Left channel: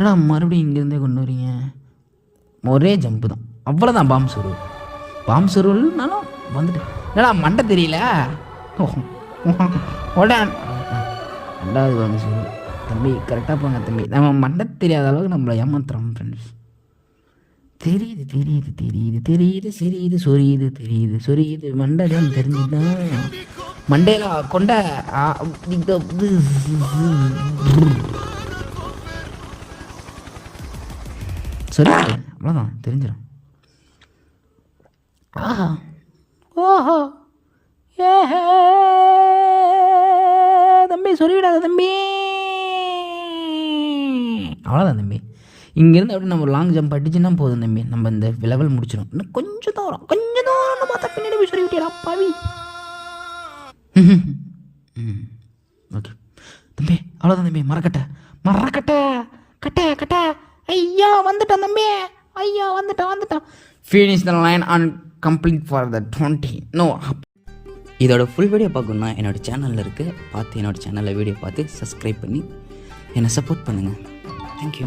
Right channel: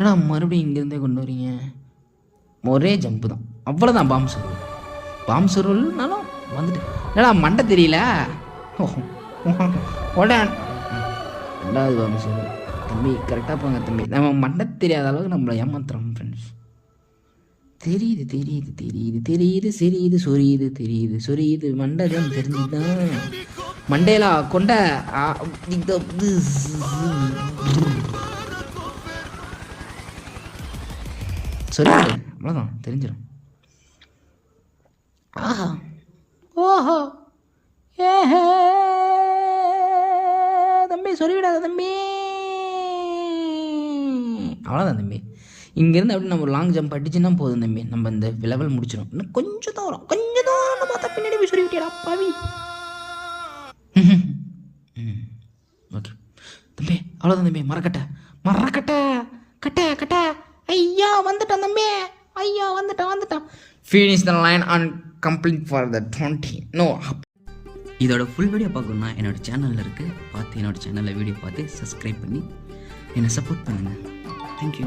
ஏடா மறுபடியும் இங்கேருந்தே கொண்டு வரீங்க? ஒரே ஜம்ப்பு தான், அவ்வளோதான். பாம் சொருவல்னாலும் வந்துட்டு ஏடா மண்டை தெரியல. ஓடா ரெண்டாவது வந்து சொல்லு தம்பி, கரெக்டாக போங்க தம்பி. நம்ம மண்டை தெரியாத அளவுக்கு நம்மளை ஏமாத்துறோம் ஃப்ரெண்ட்ஸ். தெரியுது தெரியுது தெரியுது தெரியுது தெரியுது சொரியுது தெரியுது சொரியுது மண்டை தான் தெரிஞ்சுதான் மண்டையிலா கொண்ட சரி அவ்வளோதான் தெரிஞ்சிடும். ஓஹோ ஏஹே தம்பி சொல்லிவிடாத தம்பி. அவ்வளோதான் தம்பி. இங்கேருந்து அப்படி நம்ம லாங் ஜம்ப் அடிச்சுன்னா போதும் தம்பி, நம்ம இந்த லெவல் முடிச்சிடும். இன்னும் கொஞ்சம் தான் வரும், கொஞ்சம் தான் பார்த்தா பின்னாடி போய் சொல்லி விட்டியா பாவி. ஓகே தம்பி, அவ்வளோதான் தம்பி. மரக்கட்டை மரக்கட்டை கட்டை கட்டை. ஐயா வந்துட்டான் தம்பி, ஐயா வந்துட்டான். Finish the line and complete for the 20. No. இதோட ஃபுல் வீடியோ பார்க்கணுன்னா என்னோடய சேனலில் இருக்குது, பார்த்து என்னோடய சேனலில் வீடியோ பார்த்து சப்ஸ்கிரைப் பண்ணி என்னை சப்போர்ட் பண்ணுங்கள். தேங்க்யூ.